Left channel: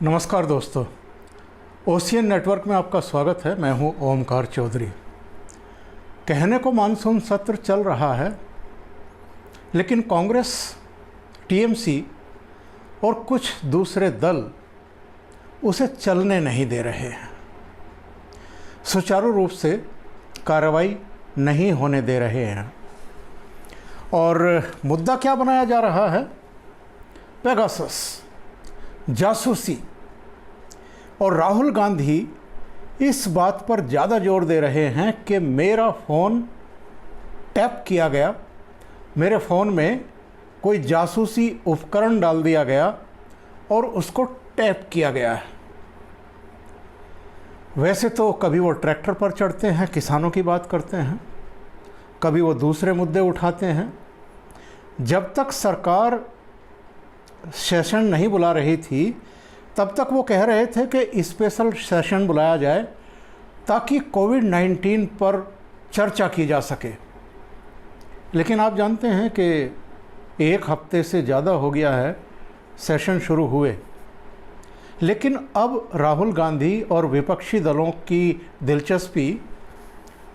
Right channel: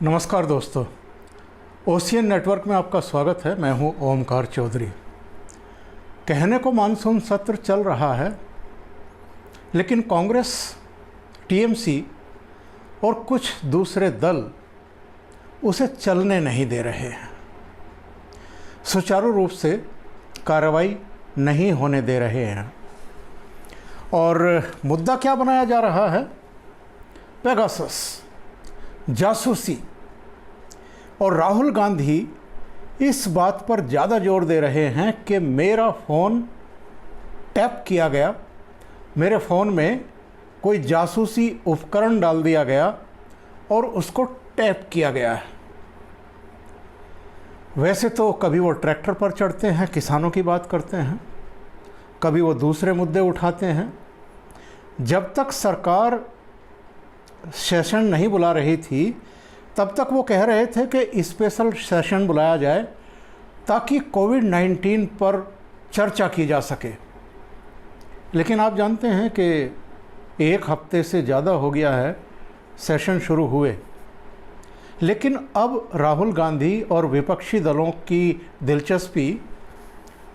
नमस्कार दोस्तों, ocean network में आपका स्वागत है। मैं हूं ओमकार चौधरी। कहने को मानसून सत्र चल रहा है, लेकिन कांग्रेस, टीएमसी और कुछ दूसरे दल उसे चलने नहीं दे रहे हैं, सुचारू रूप से कार्रवाई नहीं होने दे रहे हैं। और मुद्दा क्या बनाया जा रहा है? पेगासस, जासूसी। और राहुल गांधी इस बात पर ज़्यादा जोर दे रहे हैं कि मेरा फ़ोन टैप किया गया, मेरे फ़ोन में कोई जासूसी उपकरण डाल दिया गया और उसको टैप किया गया है। वैसे तो कभी वो ट्रैक्टर पर चढ़ते हैं, किसानों की बात करते हैं, कभी वो दूसरे मुद्दे उठाते हैं। जब तक सरकार सेशन नहीं बुला रही थी, तब तक वो कह रहे थे कि स्पेशल सेशन बुलाया जाए ताकि कोविड-19 पर चर्चा की जा सके। लेकिन आप जानते हैं कि एक हफ्ते से ज़्यादा हो गया है सेशन शुरू हुए, लेकिन अब राहुल गांधी और विपक्षी दलों की दिलचस्पी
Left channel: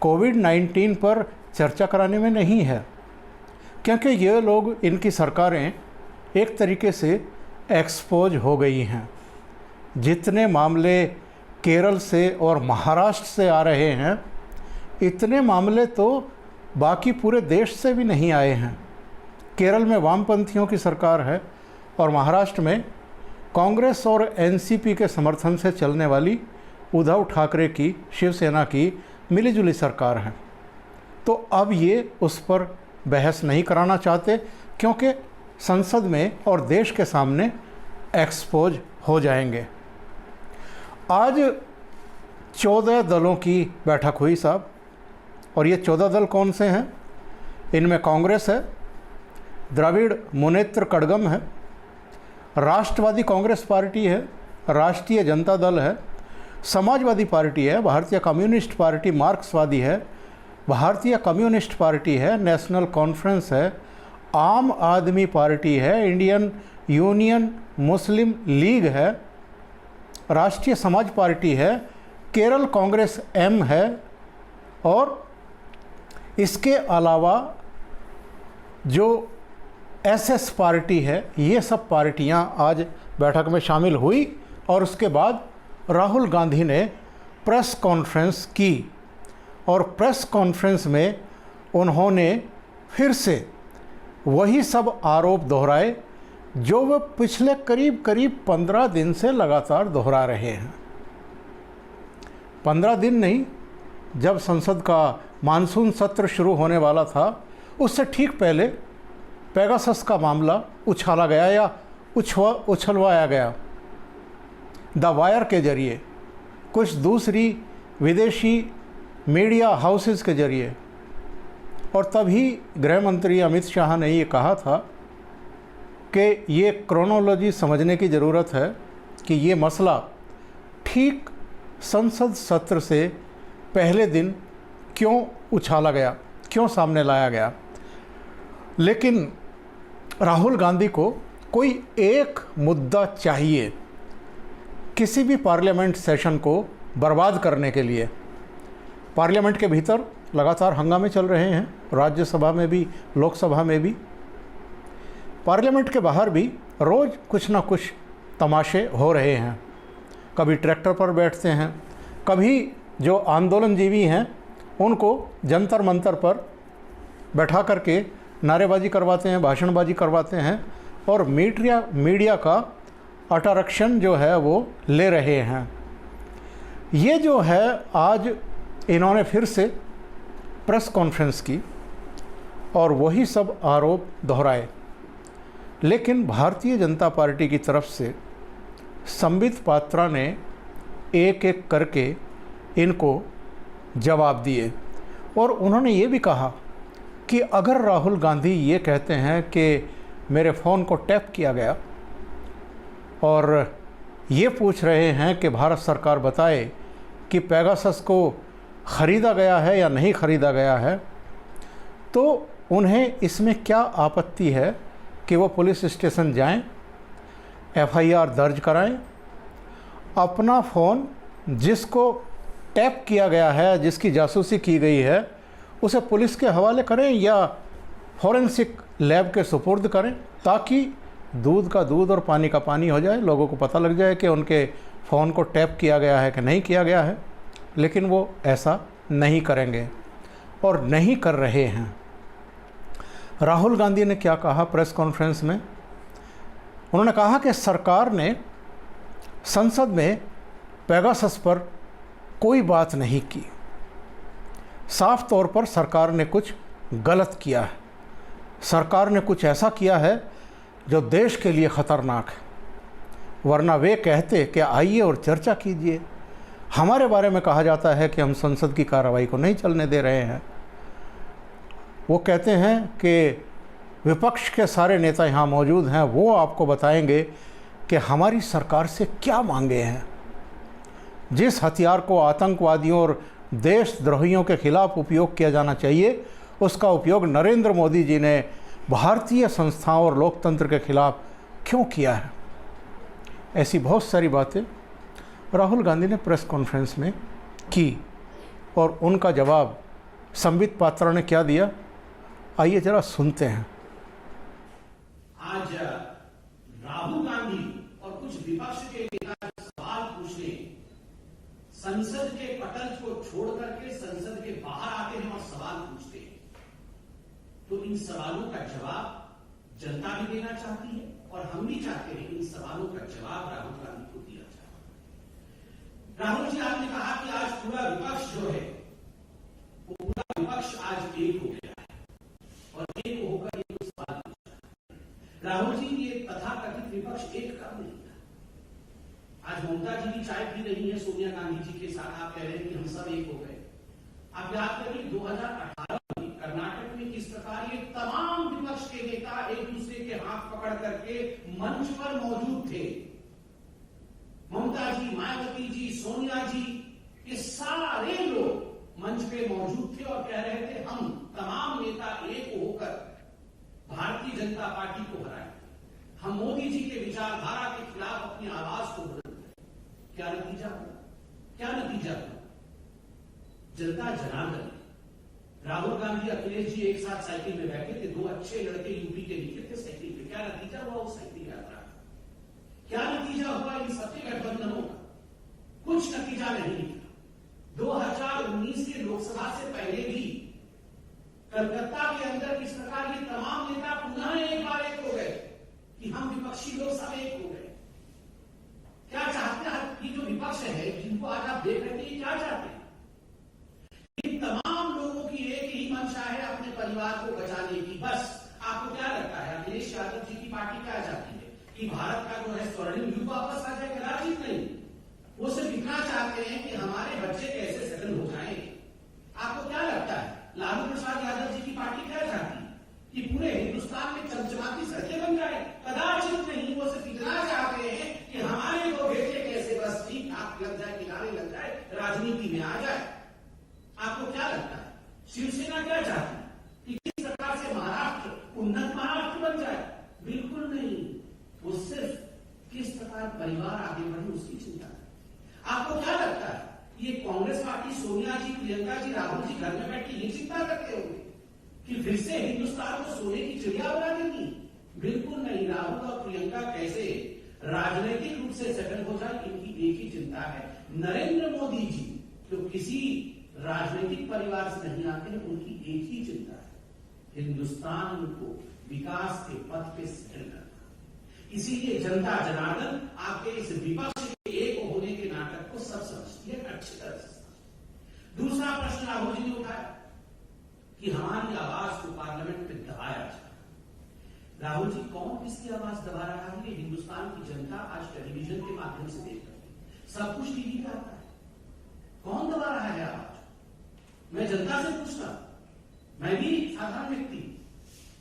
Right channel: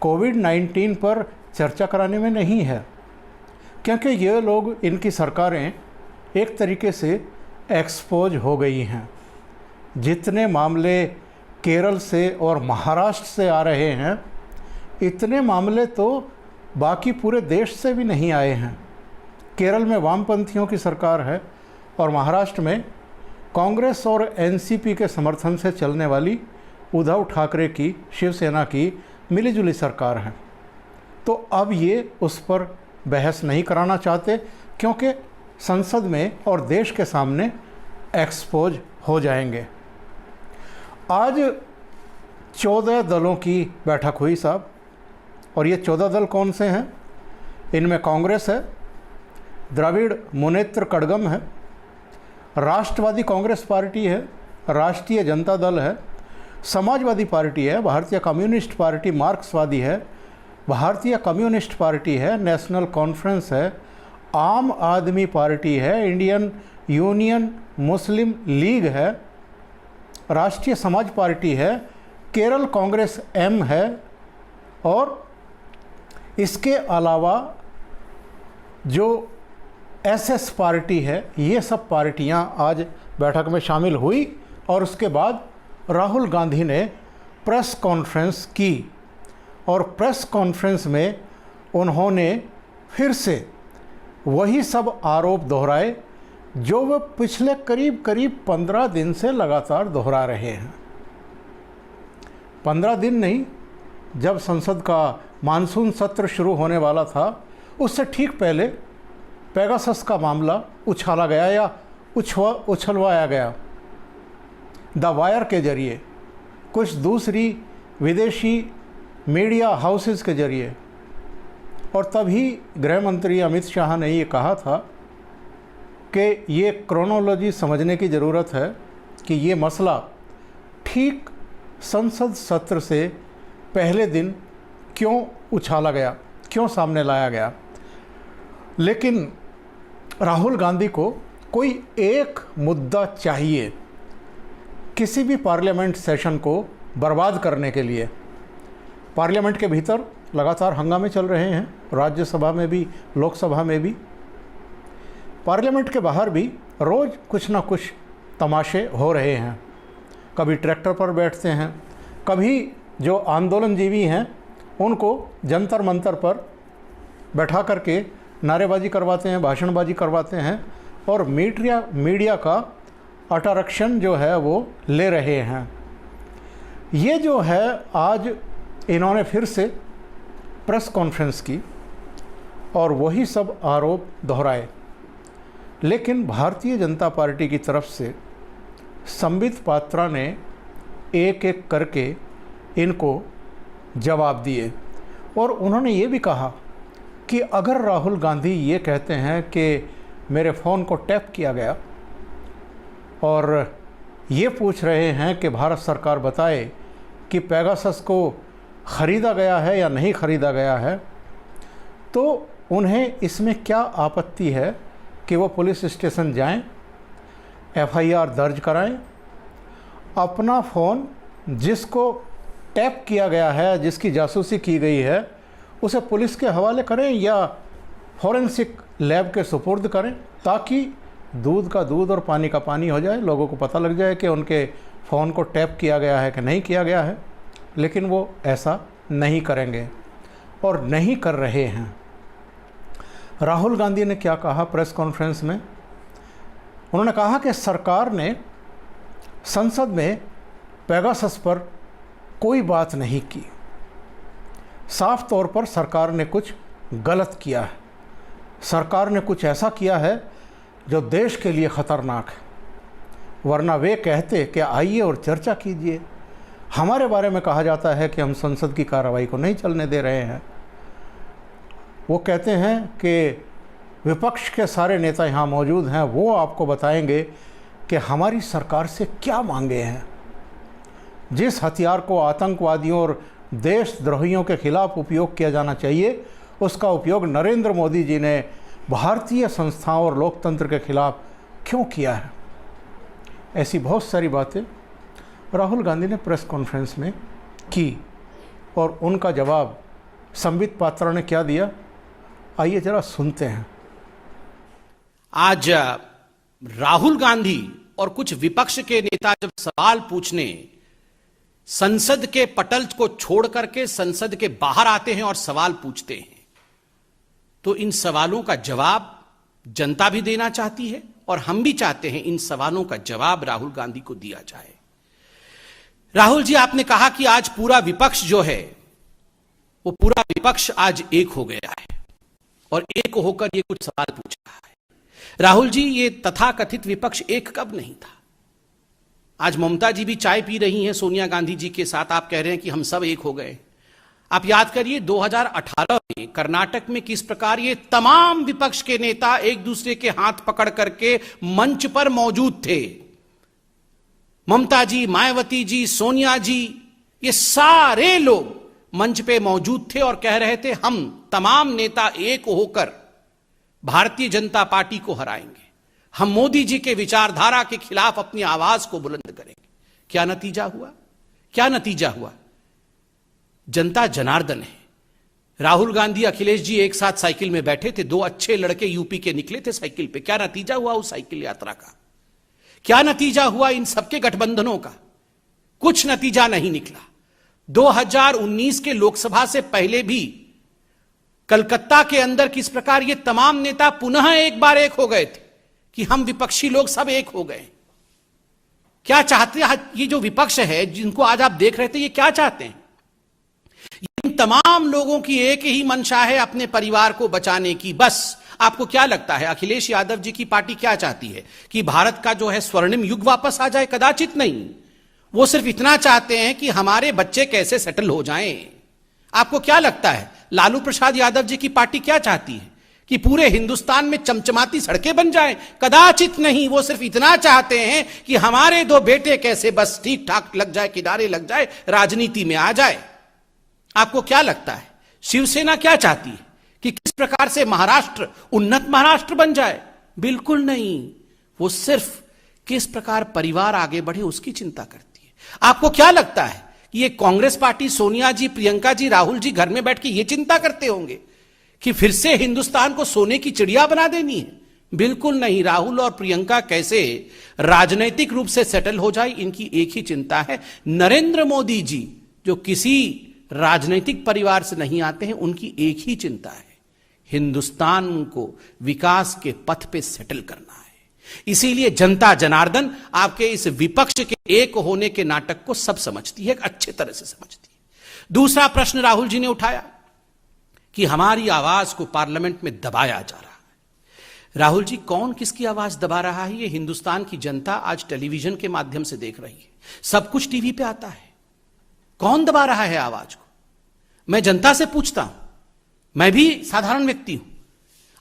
कोविड-19 पर चर्चा कराने में नहीं है, क्योंकि ये लोग, इनकी सरकारें एक तरीके से एक्सपोज हो गई हैं। जितने मामले केरल से और महाराष्ट्र से आ रहे हैं, इतने मामले तो बाकी पूरे देश से भी नहीं आए हैं। केरल में वामपंथियों की सरकार है और महाराष्ट्र में कांग्रेस और एनसीपी के समर्थन से चलने वाली उद्धव ठाकरे की, शिवसेना की मिलीजुली सरकार है। तो अब ये उस पर बहस नहीं कराना चाहते, क्योंकि संसद में और देश के सामने एक्सपोज हो जाएंगे। आज 14 दलों की बैठक हुई साहब, और ये 14 दल कौन से हैं? इनमें कांग्रेस है, द्रविड़ मुनेत्र कड़गम है, राष्ट्रवादी कांग्रेस पार्टी है, राष्ट्रीय जनता दल है, समाजवादी पार्टी है, भारतीय कम्युनिस्ट पार्टी मार्क्सवादी है, भारतीय कम्युनिस्ट पार्टी है, नेशनल कॉन्फ्रेंस है, आम आदमी पार्टी है, इंडियन यूनियन मुस्लिम लीग है, राष्ट्रीय समाज पार्टी है, केरल कांग्रेस एम है, और इसके अलावा जो एसएस पार्टी है। ये सब पार्टियां आज बैठक में शामिल हुई और उसके बाद राहुल गांधी ने प्रेस कॉन्फ्रेंस की, और प्रेस कॉन्फ्रेंस में उन्होंने फिर से वही सब आरोप दोहराए जो वह पिछले करीब 15 दिन से लगातार दोहरा रहे हैं। 15 दिन नहीं, जब संसद का मानसून सत्र शुरू होने वाला था, उससे ठीक पहले पेगासस का मामला उछाला गया या उछलवाया गया द वायर के जरिए, कुछ दूसरी विदेशी मीडिया हाउसेस के जरिए। और तभी गृह मंत्री अमित शाह ने ये कहा था कि ये क्रोनोलॉजी समझने की ज़रूरत है कि ये मसला ठीक संसद सत्र से पहले दिन क्यों उछाला गया, क्यों सामने लाया गया। लेकिन राहुल गांधी को कोई एक मुद्दा चाहिए किसी भी पार्लियामेंट सेशन को बर्बाद करने के लिए। पार्लियामेंट के भीतर लगातार हंगामे चल रहे हैं, राज्यसभा में भी, लोकसभा में भी। पार्लियामेंट के बाहर भी रोज़ कुछ ना कुछ तमाशे हो रहे हैं। कभी ट्रैक्टर पर बैठते हैं, कभी जो आंदोलनजीवी हैं उनको जंतर मंतर पर बैठा करके नारेबाजी करवाते हैं, भाषणबाजी करवाते हैं, और मीडिया का अटरक्षण जो है वो ले रहे हैं। ये जो है, आज इन्होंने फिर से प्रेस कॉन्फ्रेंस की और वही सब आरोप दोहराए। लेकिन भारतीय जनता पार्टी की तरफ से संबित पात्रा ने एक एक करके इनको जवाब दिए, और उन्होंने ये भी कहा कि अगर राहुल गांधी ये कहते हैं कि मेरे फ़ोन को टैप किया गया, और ये पूछ रहे हैं कि भारत सरकार बताए कि पेगासस को ख़रीदा गया है या नहीं ख़रीदा गया है, तो उन्हें इसमें क्या आपत्ति है कि वो पुलिस स्टेशन जाएं, एफआईआर दर्ज कराएं अपना फ़ोन जिसको टैप किया गया है, जिसकी जासूसी की गई है, उसे पुलिस के हवाले करें या फॉरेंसिक लैब के सुपुर्द करें, ताकि दूध का दूध और पानी का पानी हो जाए, लोगों को पता लग जाए कि उनके फ़ोन को टैप किया गया है कि नहीं किया गया है। लेकिन वो ऐसा नहीं करेंगे और नहीं कर रहे हैं। राहुल गांधी ने क्या कहा प्रेस कॉन्फ्रेंस में? उन्होंने कहा कि सरकार ने संसद में पेगासस पर कोई बात नहीं की। साफ तौर पर सरकार ने कुछ गलत किया है। सरकार ने कुछ ऐसा किया है जो देश के लिए ख़तरनाक है, वरना वे कहते कि आइए और चर्चा कीजिए। हमारे बारे में कहा जाता है कि हम संसद की कार्रवाई को नहीं चलने दे रहे हैं। वो कहते हैं कि विपक्ष के सारे नेता यहाँ मौजूद हैं, वो आपको बताएंगे कि हमारी सरकार से क्या मांगे हैं। जिस हथियार को आतंकवादियों और देशद्रोहियों के खिलाफ उपयोग किया जाना चाहिए, उसका उपयोग नरेंद्र मोदी जी ने भारतीय संस्थाओं और लोकतंत्र के खिलाफ क्यों किया है। ऐसी बहुत सारी बातें राहुल गांधी ने प्रेस कॉन्फ्रेंस में की और उनका जवाब संबित पात्रा ने क्या दिया, आइए जरा सुनते हैं। आज राहुल गांधी और कुछ विपक्ष के नेता जब सवाल पूछने संसद के पटल को छोड़ करके संसद के बाहर आते हैं और सवाल पूछते हैं, तो इन सवालों का जवाब जनता भी देना चाहती है और हम भी चाहते हैं इन सवालों का जवाब राहुल गांधी को दिया जाए। राहुल जी, आपने कहा कि आज पूरा विपक्ष जो है वो पूरा विपक्ष आज एक हो गया है और एक होकर ये कुछ सवाल पूछ रहा है। राहुल जी, ये तथाकथित विपक्ष एक कब नहीं था? आज ममता जी भी चाय पी रही हैं सोनिया गांधी जी के साथ, आप कह रहे हैं कि हम सब एक हो गए। आप याद करिए 2018 में कर्नाटक में किस प्रकार ये तमाम विपक्ष के नेता एक दूसरे के हाथ पकड़ करके मंच पर मौजूद थे। ममता जी, मायावती जी, सोनिया जी, ये सारे लोग मंच पे मौजूद थे और कह रहे थे हम तमाम नेता एक होकर भारतीय जनता पार्टी को हराएंगे, हम मोदी जी के विचारधारा के खिलाफ अपनी आवाज को बुलंद करेंगे। क्या नतीजा हुआ? क्या नतीजा हुआ? जनता जनार्दन है। राहुल गांधी, अखिलेश जी एक साथ साइकिल में बैठे थे, दो अच्छे लड़के यूपी के निकले थे साइकिल पे। क्या नतीजा हुआ उस साइकिल यात्रा का? क्या नतीजा हुआ इन सबके गठबंधनों का? कुछ नतीजा नहीं निकला। 2019 के लोकसभा से पहले भी कलकत्ता के अंदर किस प्रकार ये तमाम नेता पुनः एक बार एक हो गए थे कि हम विपक्षी लोग सब एक हो गए। क्या चाहते हैं ये जो विपक्ष है जिनको आज आप देख रहे थे, ये क्या चाहते हैं? इन तमाम लोगों की एक ही मंशा है अपने परिवार को बचाने की। बस आपको क्या लगता है अखिलेश यादव जी की पार्टी क्या चाहती है कि भारत का जो है स्वर्णिम युग वापस आ जाए? कदाचित नहीं। वो सिर्फ इतना चाहते हैं कि हमारे बच्चे कैसे सेटल हो जाएं। आपको क्या लगता है लालू प्रसाद यादव जी की पार्टी क्या चाहती है कि पूरे हिंदुस्तान में चमचमाती सड़कें बन जाएं? कदाचित नहीं। वो सिर्फ इतना चाहते हैं कि हमारे दो बेटे कैसे बस ठीक ठाक लग जाए, किनारे लग जाए, राजनीति में आ जाए। आपको क्या लगता है शिवसेना क्या चाहती है कि किस प्रकार से महाराष्ट्र उन्नत महाराष्ट्र बन जाए? बिल्कुल नहीं। वो सिर्फ किस प्रकार परिवार आगे बढ़े उसकी चिंता करती है। आपको क्या लगता है कि ये कांग्रेस पार्टी, सोनिया जी, प्रियंका जी, राहुल जी घर में बैठ के ये चिंता करते होंगे कि फिर से हिंदुस्तान को सोने की चिड़िया बना देनी है? बिल्कुल नहीं। राहुल और प्रियंका कैसे राजनीतिक रूप से सेटल हो जाए, इनकी एक ही चिंता है। नरेंद्र मोदी जी जो किसी राजनीतिक परिवार से नहीं आते हैं, उनकी एक ही चिंता है, हिंदुस्तान को विकास के पथ पे सेटल करना है। इसीलिए जनता जनार्दन आपके इस विपक्ष के एक होने के नाटक को सब समझती है, अच्छे तरह से समझती है। दूसरा प्रश्न राहुल जी ने उठाया कि हमारी आवाज को पार्लियामेंट में दबाया जा रहा है। राहुल जी, कौन किसकी आवाज दबा रहा है? ये हिंदुस्तान की जनता आज टेलीविजन के माध्यम से देख रही है, सब कुछ टीवी पे आता है। कौन दबा रहा है आवाज को? मैं जनता से पूछता हूं, मैं भी साधारण व्यक्ति हूं।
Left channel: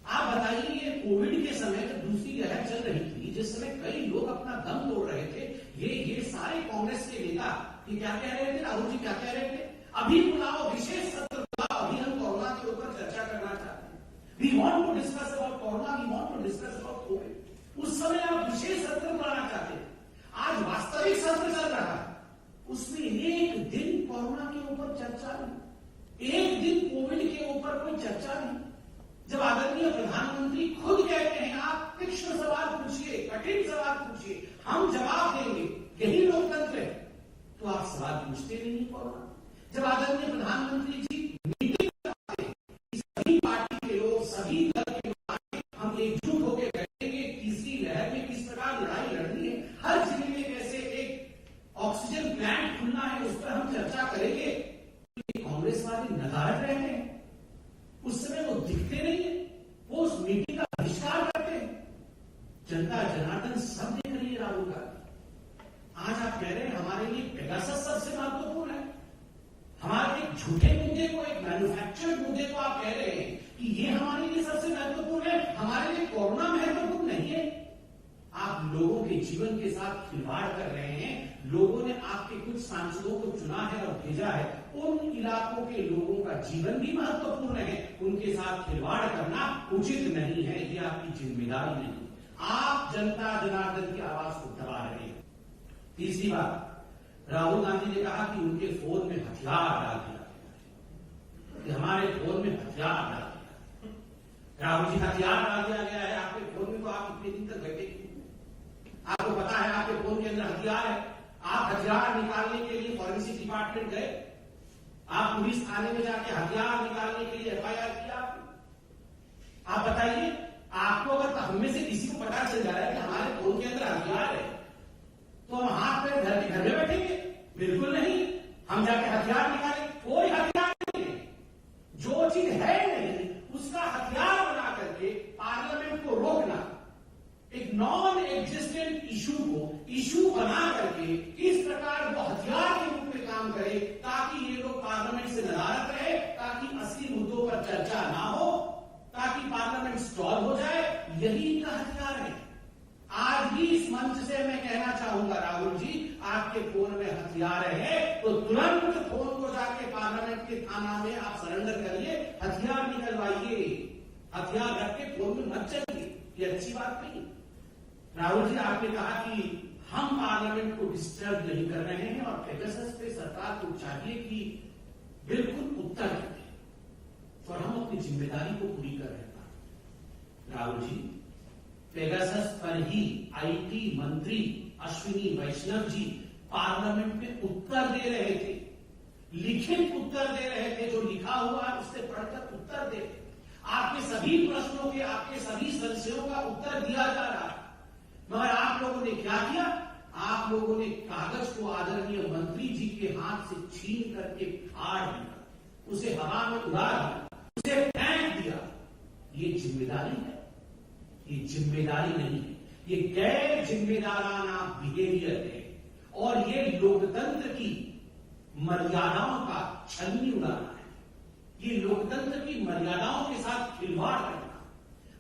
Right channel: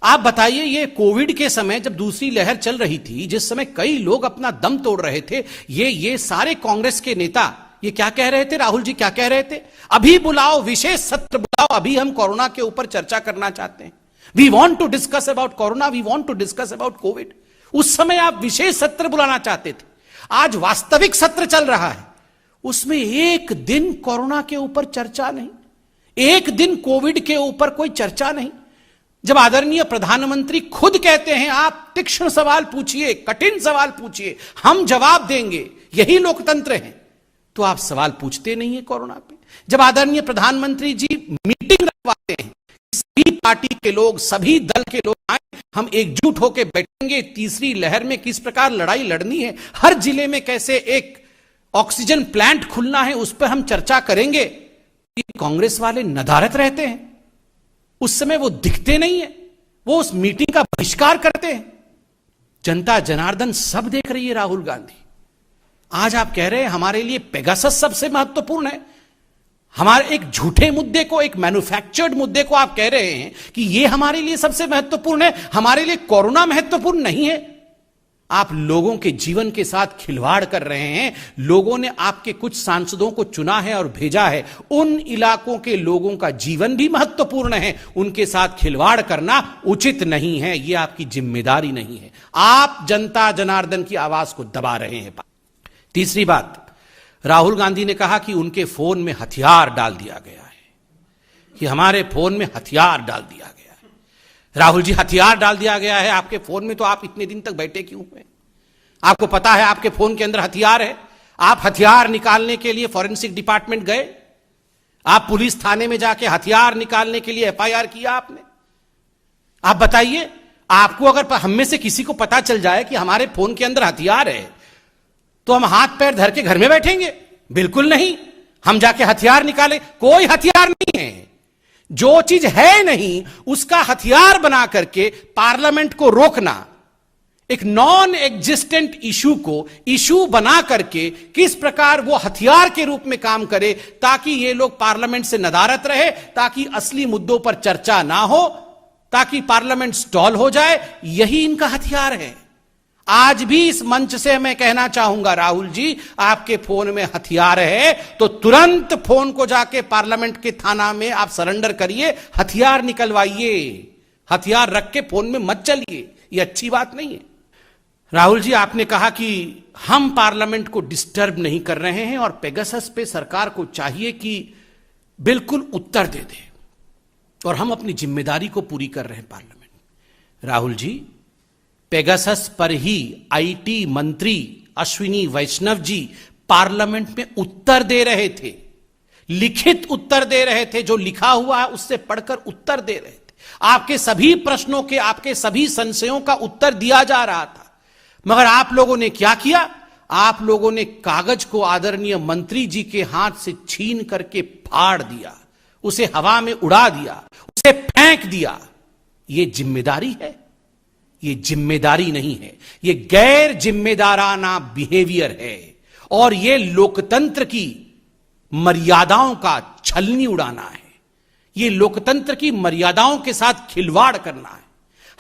आप बताइए, ये कोविड के समय जब दूसरी लहर चल रही थी, जिस समय कई लोग अपना दम तोड़ रहे थे, ये सारे कांग्रेस के नेता ये क्या कह रहे थे? राहुल जी क्या कह रहे थे? अभी बुलाओ, विशेष सत्र बुलाओ, अभी हम कोरोना के ऊपर चर्चा करना चाहते हैं। We want to discuss about corona, we want to discuss about COVID. उस समय आप विशेष सत्र बुलाना चाहते थे। आज वास्तविक सत्र चल रहा है, उसमें एक दिन कोरोना के ऊपर चर्चा नहीं, एक दिन कोविड के ऊपर कोई चर्चा नहीं। जब आदरणीय प्रधानमंत्री खुद कहते हैं आप तीक्ष्ण सवाल पूछिए, कठिन सवाल पूछिए, हम जवाब देंगे, यही लोकतंत्र है, तो आप सवाल पूछते नहीं है कोरोना पे। जब आदरणीय प्रधानमंत्री जी मीटिंग रखवाते हैं, सभी पार्टी के लोग, सभी दल के लोग आए, हम एकजुट होकर बैठेंगे, तीसरी लहर में किस प्रकार लड़ाई लड़नी है, हर जिले में कैसे एक ऑक्सीजन प्लांट खुलना है, उस पर हम चर्चा करेंगे। ये कांग्रेस वाले नदारत रहते हैं, उस समय वो दिखते नहीं है, वो उस मीटिंग का बहिष्कार करते हैं। जनता जनार्दन सब देख रही है राहुल गांधी। आज आप कह रहे हैं हमारे लिए पेगासस सबसे महत्वपूर्ण है, हमारे एक झूठे मुद्दे को, एक मैन्युफैक्चर्ड मुद्दे को आप कह रहे हैं कि यह हमारे लिए सबसे महत्वपूर्ण है, हमारे लिए कोरोना महत्वपूर्ण नहीं है। आप लोगों के जीवन के साथ खिलवाड़ कर रहे हैं। लोगों ने आपके कुछ सांसदों को चुना है और भेजा है, उन इलाकों के लोगों का जीवन भी महत्वपूर्ण है, उनके साथ खिलवाड़ करना उचित नहीं है, यह आपकी जिम्मेदारी नहीं है। आप जनता जनार्दन की आवाज को दबा रहे हैं। तीसरी बात, राहुल गांधी ने कहा कि उनके फोन में हथियार डाल दिया गया है, कि हमारे फोन में हथियार डाल दिया गया है। राहुल जी, हथियार डाल दिया गया है आपके फोन में, तो आप इतने दिन तक बैठे क्यों हुए? आपको पता है आपके फोन के अंदर हथियार है, आप हथियार निकालने के लिए फॉरेंसिक डिपार्टमेंट गए, आप पुलिस थाने में जाके हथियार निकालने के लिए एफआईआर किया आपने? आप बताइए, आपको अगर हम में से किसी को पता चल जाए कि हमारे फोन के अंदर हथियार है, तो हम हाथ पैर धर के घर में बैठेंगे? बिल्कुल नहीं, हम जाके हथियार निकाले। कोई हथियार नहीं है, जो चीज है नहीं उसका हथियार बना करके पार्लियामेंट को रोकना, एक नॉन एग्जिस्टेंट इशू को इशू बना करके किस प्रकार वो हथियार के रूप में काम करे, ताकि ये लोग पार्लियामेंट से नदारत रहे, ताकि असली मुद्दों पर चर्चा ना हो, ताकि पार्लियामेंट स्टॉल हो जाए, यही इनका हथियार है। आज भी इस मंच से मैं कहना चाहूंगा, राहुल जी, आपके फोन में हथियार है तो तुरंत फोन को जाके पार्लियामेंट के थाना में आप सरेंडर करिए, हथियार निकलवाइए, हथियार रख के फोन में मत चलिए, ये अच्छी बात नहीं है। राहुल जी, आपने कहा कि हम पार्लियामेंट को डिस्टर्ब नहीं कर रहे हैं और पेगासस पे सरकार को चाहिए कि बिल्कुल उत्तर दे दे, और हम अपनी जिम्मेदारी को पूरी कर रहे हैं पार्लियामेंट। राहुल जी, पेगासस पर ही आईटी मंत्री अश्विनी वैष्णव जी पार्लियामेंट में उत्तर दे रहे थे, लिखित उत्तर दे रहे थे, जो लिखा हुआ है उससे पढ़कर उत्तर दे रहे थे। आपके सभी प्रश्नों के, आपके सभी संशयों का उत्तर दिया जा रहा था, मगर आप लोगों ने क्या किया? आप लोगों ने कागज को आदरणीय मंत्री जी के हाथ से छीन करके फाड़ दिया, उसे हवा में उड़ा दिया, उसे फेंक दिया। यह जिम्मेदारी है? ये जिम्मेदारी नहीं है, ये गैर जिम्मेदाराना बिहेवियर है, और ये लोकतंत्र की मर्यादाओं का छलनी उड़ाना है, ये लोकतंत्र की मर्यादाओं के साथ खिलवाड़ करना है।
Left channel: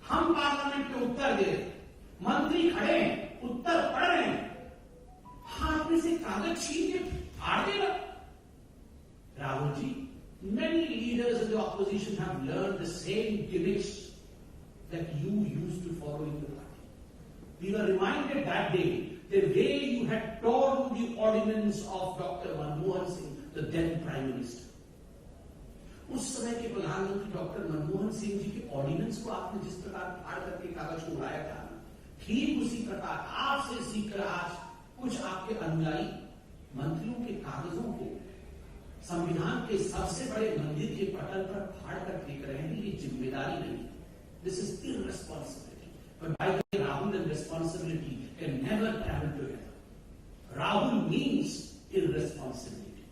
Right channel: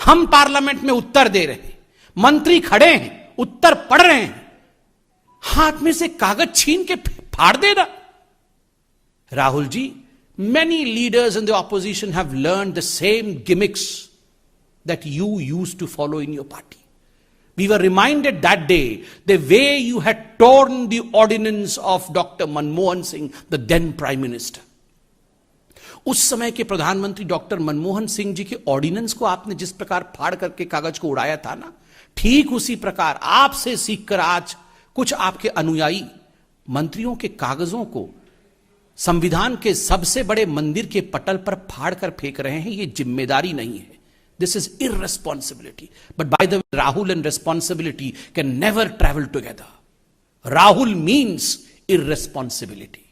हम पार्लियामेंट में उत्तर दे रहे हैं, मंत्री खड़े हैं, उत्तर पढ़ रहे हैं, हाथ में से कागज छीन के फाड़ देना। Rahul ji, many leaders in the opposition have learned the same gimmicks that you used to follow in your party. We were reminded that day the way you had torn the ordinance of Dr. Manmohan Singh, the then Prime Minister. उस समय के प्रधानमंत्री doctor Manmohan Singh ji के ordinance को आपने जिस प्रकार फाड़ करके कागज को उड़ाया था ना, ठीक उसी प्रकार आपसे सीखकर आज कुछ आपके अनुयायी मंत्रियों के कागजों को संविधान के सबसे बड़े मंदिर के पटल पर फाड़ कर फेंक रहे हैं। ये जिम्मेदारी नहीं है, this is irresponsibility. But by the way, Rahul and responsibility can never travel together. Rahul means irresponsibility.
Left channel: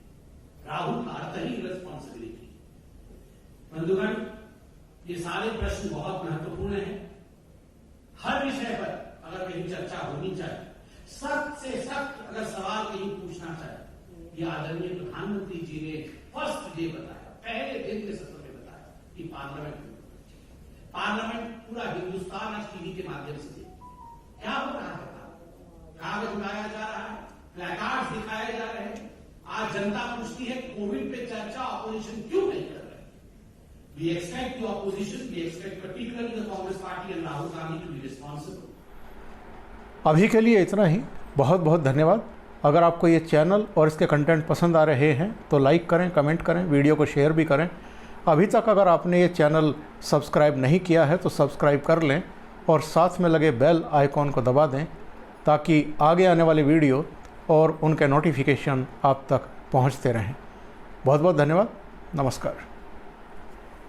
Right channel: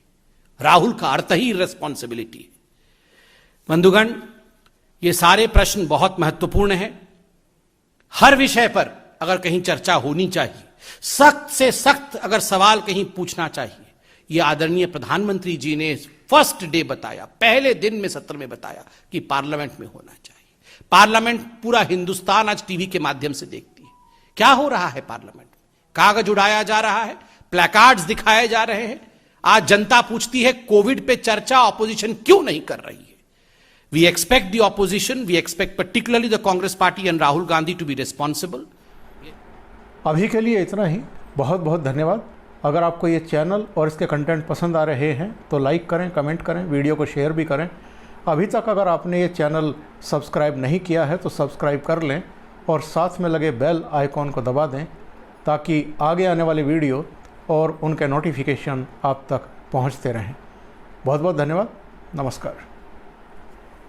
Rahul का अर्थ ही irresponsibility है। बंधुगण, ये सारे प्रश्न बहुत महत्वपूर्ण हैं। हर विषय पर अगर कहीं चर्चा होनी चाहिए, सख्त से सख्त अगर सवाल कहीं पूछना चाहिए, ये आदरणीय प्रधानमंत्री जी ने फर्स्ट डे बताया, पहले दिन में सत्र में बताया कि पार्लियामेंट में होना चाहिए। पार्लियामेंट पूरा हिंदुस्तान आज टीवी के माध्यम से देखती है। क्या हो रहा है पार्लियामेंट में? कागज उड़ाया जा रहा है, प्लेकार्ड्स दिखाए जा रहे हैं। आज जनता पूछती है कोविड पे चर्चा ऑपोजिशन क्यों नहीं कर रही है? We expect the opposition, we expect particularly the Congress party and Rahul Gandhi to be responsible. अभी के लिए इतना ही। बहुत बहुत धन्यवाद। अगर आपको ये चैनल और इसके कंटेंट पसंद आ रहे हैं तो लाइक करें, कमेंट करें, वीडियो को शेयर भी करें। अभी तक अगर आपने ये चैनल सब्सक्राइब नहीं किया है तो सब्सक्राइब कर लें और साथ में लगे बेल आइकॉन को दबा दें ताकि आगे आने वाली वीडियो और उनके नोटिफिकेशन आप तक पहुंचते रहें। बहुत बहुत धन्यवाद। नमस्कार।